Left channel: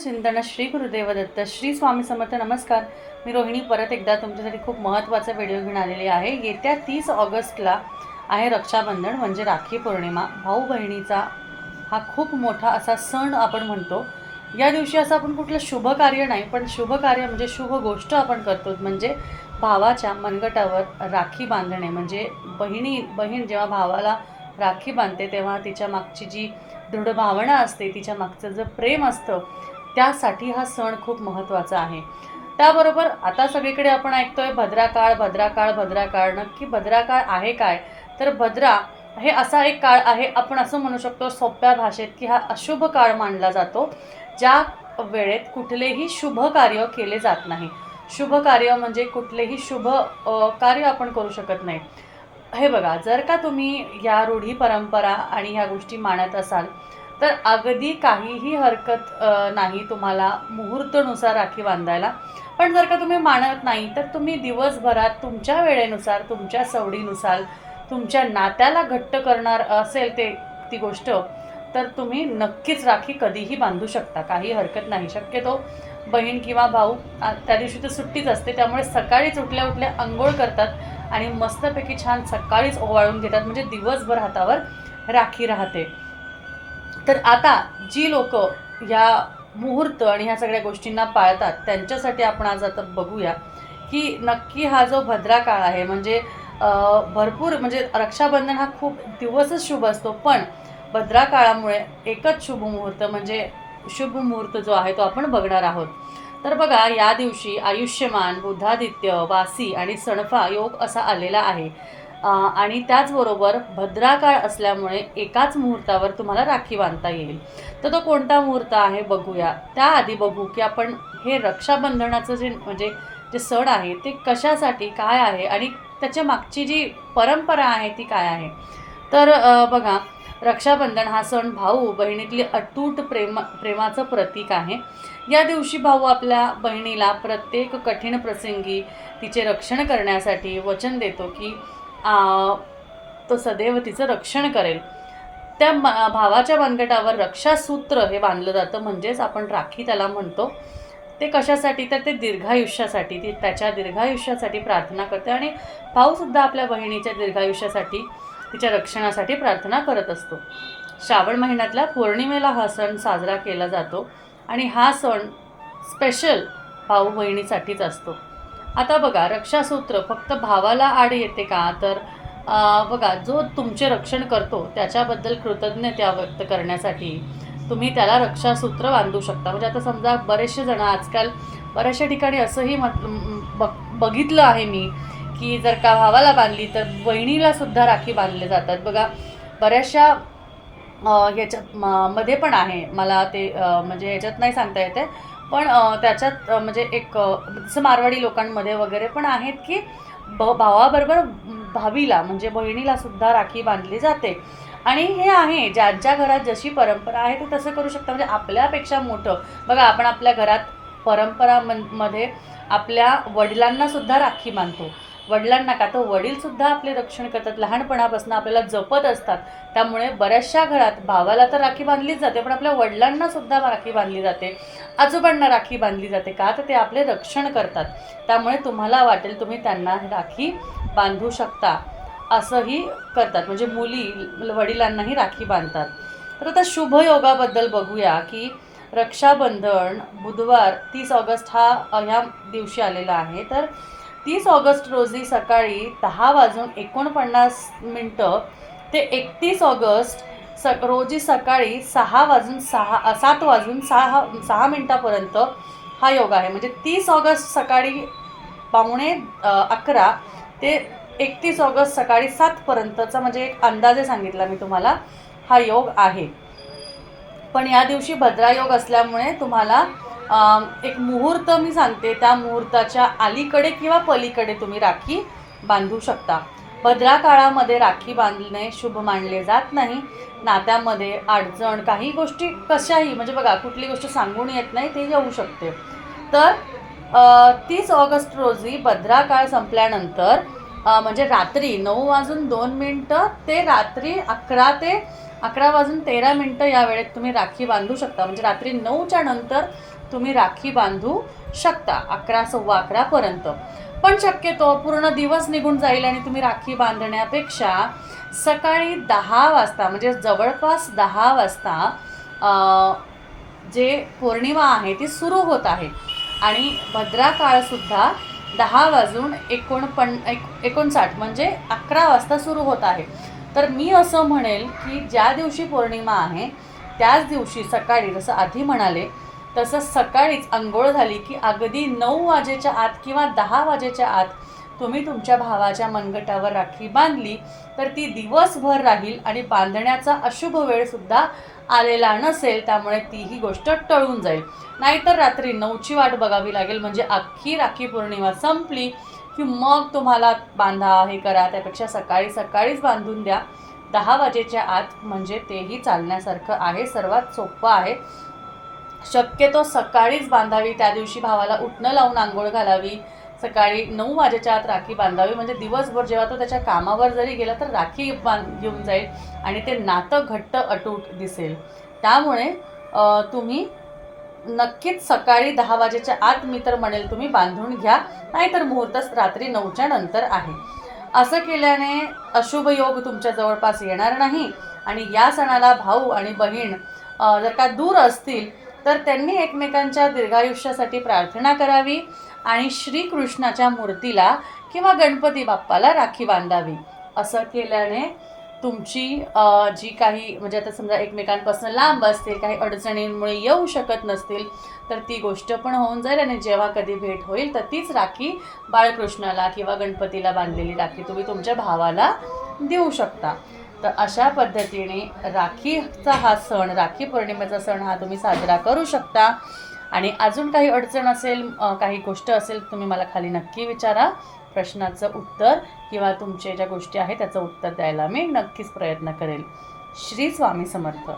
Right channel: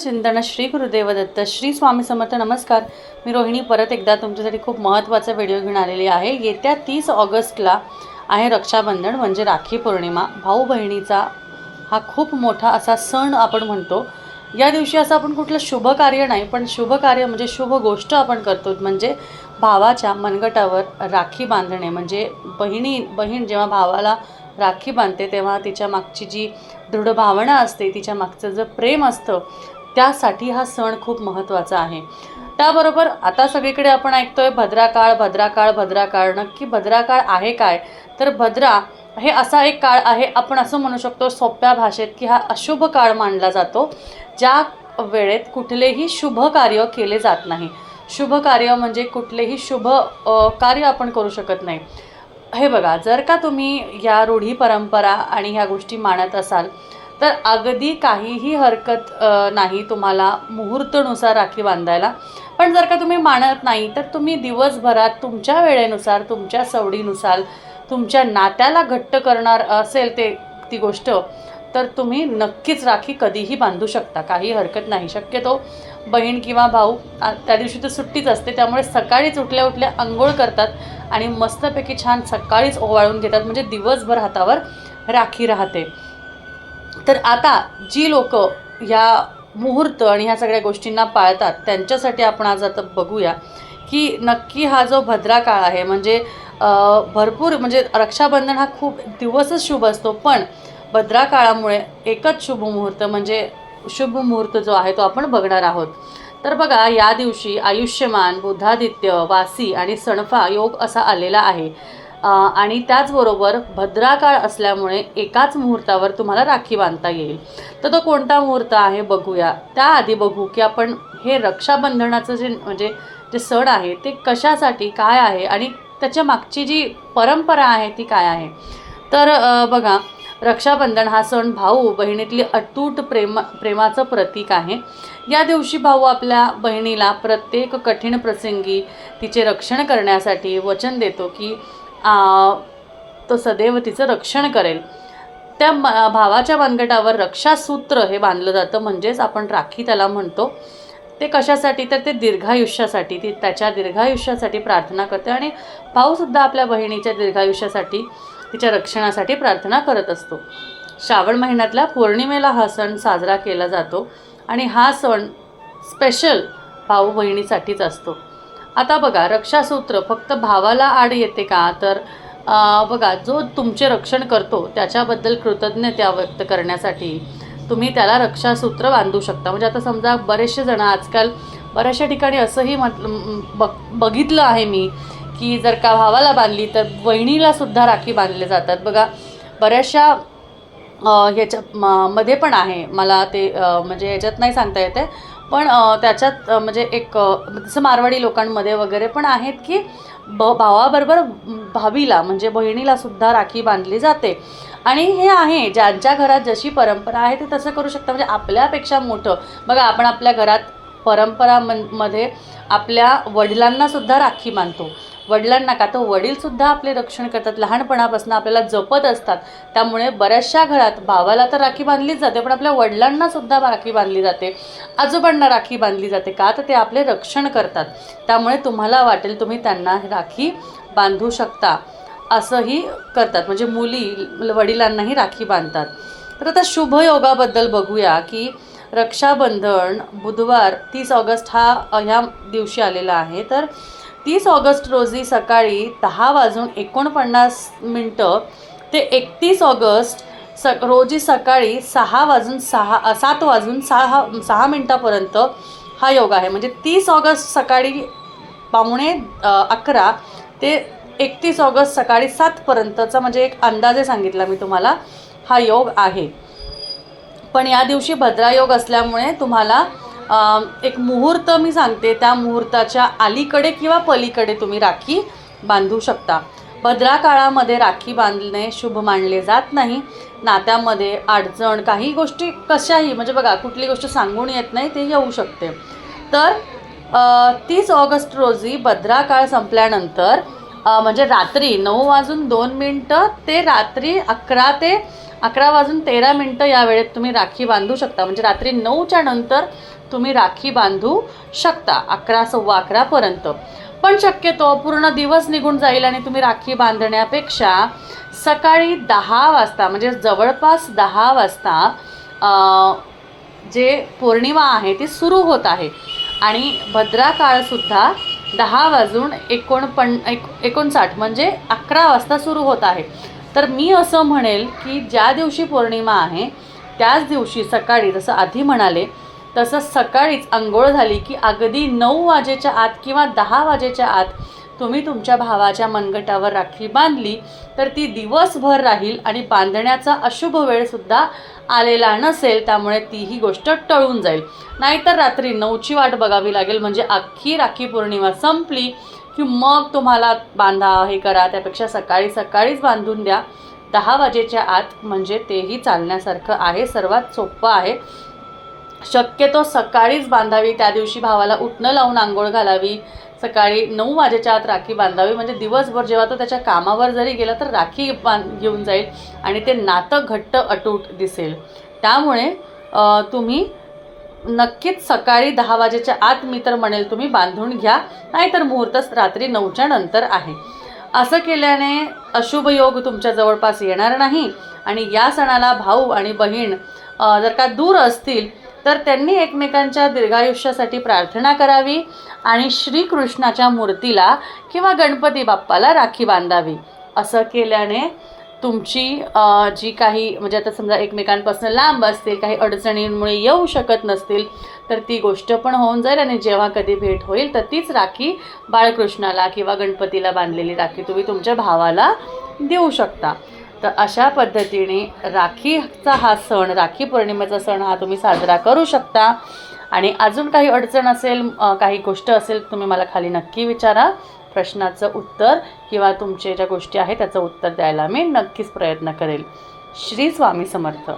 चिंतन श्री गुरुदेव दत्त श्री स्वामी समर्थ नमस्कार. मी रोहिणी परत एकदा तुमच्यासाठी खूप महत्त्वाचा व्हिडिओ घेऊन आलेली आहे. येत्या तीस ऑगस्टला आहे रक्षाबंधन म्हणजे राखी पौर्णिमा. भाऊ बहिणीचा हा खूप मोठा असा सण आपण म्हणतो. या दिवशी असं आपण कुठलं शुभ कार्य नाही पण शुभ कार्य म्हणजे शुभ गोष्ट आपण करतो म्हणजे भावाच्या मनगटावर राखी बांधणे. म्हणजे बहिणी बहीण जेव्हा भावाला राखी बांधते तेव्हा तिच्या मागची जी दृढ भावना असते तिच्या मागचं जे प्रेम असतं त्यासाठी हा सण खूप महत्त्वाचा आहे. त्याबरोबर आता सगळीकडे आपण ऐकतोय भद्राकाळ भद्राकाळ भद्राकाळ नक्की भद्राकाळ आहे काय? तर भद्रा हे असा एक काळ आहे आपण असं म्हणू शकतो सोप्या भाषेत की हा अशुभ काळ मानला जातो ज्या वेळेत कुठलेही शुभ कार्य केले जात नाही. शुभ कार्य म्हणजे कुठलेही शुभ कार्य आपण करू शकत नाही. हे बघा जर का तुम्ही या रूढी परंपरा आणि ह्या गोष्टी मानत असाल तर अगदी काहीही हरकत नाही तुम्हाला मुहूर्तनुसार राखी बांधायला. पण जर का तुम्ही मानत नाही तर तुम्ही दिवसभरात तुमच्या वेळेनुसार तुमच्या सवडीनुसार तुमच्या नात्याला घट्ट करणार असेल ते ती गोष्ट तर तुम्ही नक्कीच राखी कधीही बांधू शकता. काही हरकत नाही. शक्यतो बहीण किंवा भाऊ त्या दिवशी तर सुट्टीच असते त्यामुळे सकाळीच उठल्या उठल्या आंघोळ करतात आणि मस्तपैकी छान सकाळीच ओवाळून घेतात. म्हणजे दिवसभर हातावर राखी राहते. तर आता जी लोक ह्या मुहूर्त आणि ह्या सगळ्या गोष्टींना पाळतात त्यांच्यासाठी आपण आज आता बघूया की नक्की हा जो भद्रा काळ आहे म्हणजे भरपूर म्हणजे रक्षाबंधन हा खूप दिवसच शुभ असतो पण भद्रा काळामुळे एकच शुभ मुहूर्त म्हणजे शुभ मुहूर्त जो आहे तो आपण बघणार आहोत. तर बघा या दिवशी आयुष्यमान बुधादित्य वासी आणि सणफा योग असा आलेला आहे. आणि त्याचबरोबर भद्राकाळ असल्यामुळे एकाच मुहूर्तावर तुम्हाला राखी बांधता येईल. तर तो कोणता मुहूर्त आहे बघूया. त्याआधी बघू की आपण हे रक्षाबंधनाचं जे म्हणजे जे सण आहे ते कशासाठी काय आहे आणि त्याच्या मागची जी परंपरा आहे ती काय आहे. तर बघा रक्षाबंधन हा सण भाऊ बहिणीतली अतूट प्रेम प्रेमाचं प्रतीक आहे. या दिवशी भाऊ आपल्या बहिणीला प्रत्येक कठीण प्रसंगी तिचे रक्षण करण्यासाठी वचन देतो की तो सदैव तिचं रक्षण करेल. त्या भावाच्या मनगटावर रक्षासूत्र हे बांधलं जातं म्हणजेच आपण राखी त्याला म्हणतो. ते कशासाठी? तर ते दीर्घायुष्यासाठी. ती त्याच्या दीर्घायुष्यासाठी प्रार्थना करते आणि भाऊसुद्धा आपल्या बहिणीच्या दीर्घायुष्यासाठी तिच्या रक्षणासाठी प्रार्थना करत असतो. श्रावण महिन्यातल्या पौर्णिमेला हा सण साजरा केला जातो आणि हा सण स्पेशल भाऊ बहिणीसाठीच असतो. आता बघा रक्षासूत्र फक्त भावाला आड येते का? तर बघा जो तुमचे रक्षण करतो त्याच्याबद्दल कृतज्ञता व्यक्त करण्यासाठी तुम्ही त्याला रक्षासूत्र बांधू शकता. म्हणजे आता समजा बरेचसे जण आजकाल बऱ्याचशा ठिकाणी असंही मत बघ बघितलं आहे मी की जर का भावाला बांधली तर बहिणीला सुद्धा राखी बांधले जातात. बघा बऱ्याचशा ह्याच्या म- मध्ये पण आहे. मला ते म्हणजे ह्याच्यात नाही सांगता येते पण त्याच्यात म्हणजे एक जसं मारवाडी लोकांमध्ये वगैरे पण आहेत की ब भावाबरोबर भावीला म्हणजे बहिणीलासुद्धा राखी बांधली जाते. आणि हे आहे ज्यांच्या घरात जशी परंपरा आहे ते तसं करू शकता म्हणजे आपल्यापेक्षा मोठं बघा आपण आपल्या घरात परंपरा मनमध्ये आपल्या वडिलांनासुद्धा राखी बांधतो. वडिलांना का? तर वडीलसुद्धा आपले रक्षण करतात. लहानपणापासून आपल्याला जपत असतात. त्यामुळे बऱ्याचशा घरात भावाला तर राखी बांधलीच जाते पण आपल्या वडिलांनासुद्धा राखी बांधली जाते. आजोबांना राखी बांधली जाते का? तर ते आपले रक्षण करतात. त्यामुळे तुम्हाला वाटेल तुम्ही त्यांना राखी बांधू शकता. असंही करतात. म्हणजे मुली वडिलांनाही राखी बांधतात. तर आता शुभयोगाबद्दल बघूया की रक्षाबंधन बुधवार तीस ऑगस्ट हा ह्या दिवशी आलेला आहे. तर तीस ऑगस्ट रोजी सकाळी दहा वाजून एकोणपन्नास मिनटं ते एकतीस ऑगस्ट स रोजी सकाळी सहा वाजून सहा सात वाजून सहा सहा मिनटापर्यंत हा योग आहे. म्हणजे तीस ऑगस्ट सकाळी पावणे अकरा ते एकतीस ऑगस्ट सकाळी सातपर्यंतचा म्हणजे एक अंदाजे सांगितला मी तुम्हाला हा योग आहे. पण या दिवशी भद्रायोग असल्यामुळे तुम्हाला एक मुहूर्त मी सांगते त्या मुहूर्ताच्या अलीकडे किंवा पलीकडे तुम्ही राखी बांधू शकता. भद्रा काळामध्ये राखी बांधणे शुभ मानले जात नाही. नात्यामध्ये अडचण काही गोष्टी कशाही म्हणजे बघा कुठली गोष्ट सांगून येत नाही ते येऊ शकते. तर तीस ऑगस्ट रोजी भद्रा काळ संपल्यानंतर म्हणजे रात्री नऊ वाजून दोन मिनटं ते रात्री अकरा ते अकरा वाजून तेरा मिनटं या वेळेत तुम्ही राखी बांधू शकता. म्हणजे रात्री नऊच्या नंतर तुम्ही राखी बांधू शकता अकरा सव्वा अकरापर्यंत पण शक्यतो पूर्ण दिवस निघून जाईल आणि तुम्ही राखी बांधण्यापेक्षा सकाळी दहा वाजता म्हणजे जवळपास दहा वाजता जे पौर्णिमा आहे ती सुरू होत आहे. आणि भद्रा काळसुद्धा दहा वाजून एकोणपण एक एकोणसाठ म्हणजे अकरा वाजता सुरू होत आहे. तर मी असं म्हणेल की ज्या दिवशी पौर्णिमा आहे त्याच दिवशी सकाळी जसं आधी म्हणाले तसं सकाळीच आंघोळ झाली की अगदी नऊ वाजेच्या आत किंवा दहा वाजेच्या आत तुम्ही तुमच्या भावाच्या मनगटावर राखी बांधली तर ती दिवसभर राहील आणि बांधण्याचा अशुभ वेळसुद्धा आलेला नसेल त्यामुळे तीही गोष्ट टळून जाईल. नाहीतर रात्री नऊची वाट बघावी लागेल म्हणजे अख्खी राखी पौर्णिमा संपली की मग तुम्हाला बांधा हे करा त्यापेक्षा सकाळी सकाळीच बांधून द्या. दहा वाजेच्या आत म्हणजे तेही चालण्यासारखं आहे सर्वात सोपं आहे. शक्यतो सकाळीच बांधावी त्या दिवशी भावाला उठणं लावून आंघोळ घालावी सकाळी नऊ वाजेच्या आत राखी बांधावी. म्हणजे दिवसभर जेव्हा तो त्याच्या कामावर जरी गेला तर राखी बांध घेऊन जाईल आणि ते नातं घट्ट अटूट दिसेल. त्यामुळे तुम्ही नक्कीच सकाळी दहा वाजेच्या आत मी तर म्हणेल तुम्ही बांधून घ्या नाहीतर मुहूर्तच रात्री नऊच्या नंतर आहे. असं केल्याने अशुभ योग तुमच्या जवळपास येणार नाही आणि या सणाला भाऊ आणि बहीण जर का दूर असतील तर त्यांनी एकमेकांच्या दीर्घायुष्यासाठी प्रार्थना करावी आणि श्रीकृष्णाच्या मूर्तीला किंवा गणपती बाप्पाला राखी बांधावी. असं केल्याने तुमची जी काही म्हणजे आता समजा एकमेकांपासून लांब असतील काही अडचणींमुळे येऊ शकत नसतील तर ती गोष्ट पण होऊन जाईल आणि जेव्हा कधी भेट होईल तर तीच राखी बाळकृष्णाला किंवा गणपतीला बांधलेली राखी तुम्ही तुमच्या भावाला देऊ शकता. तर अशा पद्धतीने राखीचा हा सण राखी पौर्णिमेचा सण हा तुम्ही साजरा करू शकता. आणि अजून काही अडचण असेल काही गोष्ट असेल तुम्ही मला खाली नक्की विचारा. प्रश्नाचं उत्तर किंवा तुमचे ज्या गोष्टी आहेत त्याचं उत्तर द्यायला मी नक्कीच प्रयत्न करेल. श्री स्वामी समर्थ.